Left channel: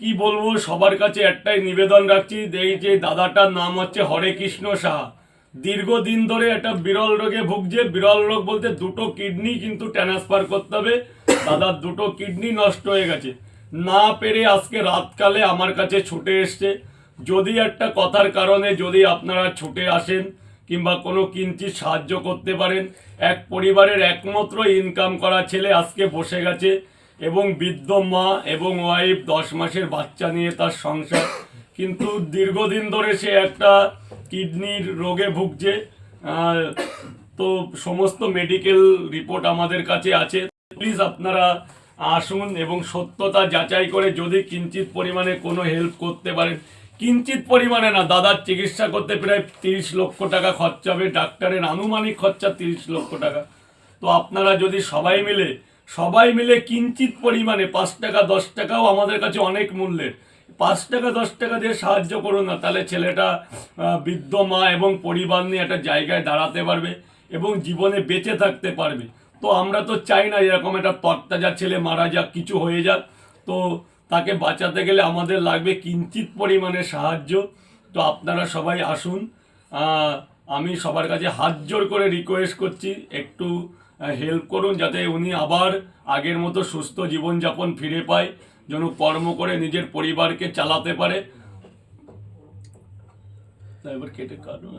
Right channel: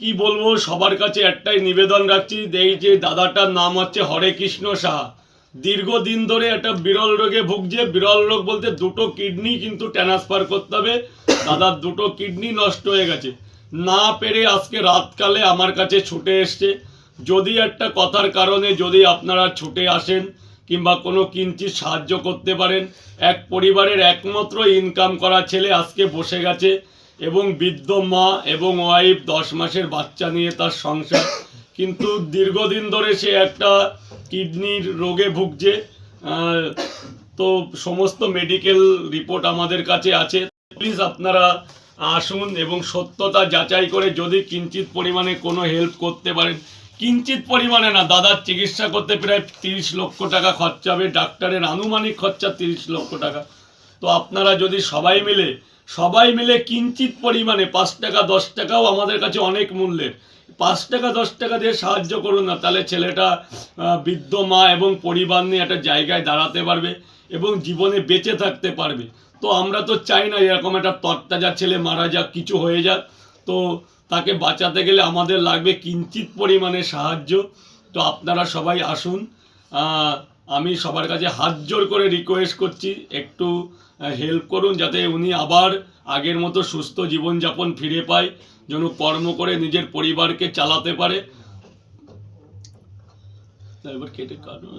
কি বলবো, সবার কাছে একটাই নিবেদন রাখছি, এই যে দাদাটার নাম হচ্ছে হরে কৃষ্ণ সাহা। দীর্ঘদিন ধরে একটা বিরল রোগে ভুগছে। বিরল রোগ বলতে দুটো কিডনি কিন্তু ট্রান্সফার করতে হবে। দাদার দুটো কিডনি নষ্ট হয়ে গেছে, না পেরে আজকে রাতকালে আমার কাছে ছুটে এসছে। যদি একটা কথার কারণে যদি আপনারা ছুটে আসেন কিংবা কোনো কিঞ্চিৎ সাহায্য করতে পারেন, এক পরিবারের একমাত্র ইনকাম করা ছেলে আজকে বসে গেছে এবং বৃদ্ধ মা এবং ওয়াইফ 10 মাসের বাচ্চা নিয়ে তার সংসার, কিন্তু দীর্ঘদিন ধরে সে একটা কিডনির রোগে ভুগছে। তো সমস্ত মেডিকেল রিপোর্ট আমাদের কাছে আছে। প্লিজ আপনারা আসুন এবং সত্যতা যাচাই করে যদি কিঞ্চিৎ পরিমাণে কোনো হেল্প করতে পারেন, কিঞ্চিৎ পরিমাণে না, দাদার চিকিৎসা করতে প্রায় 30 লক্ষ টাকা খরচা হবে, ডাক্তারের আনুমানিক খরচা 30 লক্ষ টাকা। তো আপনারা যদি সবাই মিলে কিঞ্চিৎ পরিমাণে 5 টাকা 10 টাকাও আমাদের কাছে অনেক মূল্যের, 5 টাকা 10 টাকা দিয়ে সাহায্য করুন না, তাহলে ছেলেটা বৃদ্ধ মা এবং পরিবার নিয়ে একটা জায়গায় দাঁড়াতে পারবে এবং জীবনে বেঁচে থাকতে পারবে। তো আমরা তো চাই না এরকম একটা তরতাজা ছেলে মারা যাক, কিছু হয়ে যাক। তো তাকে বাঁচাতে গেলে আমাদের লাগবে কিঞ্চিৎ পরিমাণে সাহায্য। তো আপনারা সবাই আসুন। আমি সবার কাছে হাত জোর করে রিকোয়েস্ট করছি, একটু হেল্প করুন যাতে উনি আবার আগের মতো সুস্থ জীবনযাপন ফিরে পায়, যেন কর্ম করে নিজের পরিবারকে চালাতে পারে। এবার কেটে কাটুন।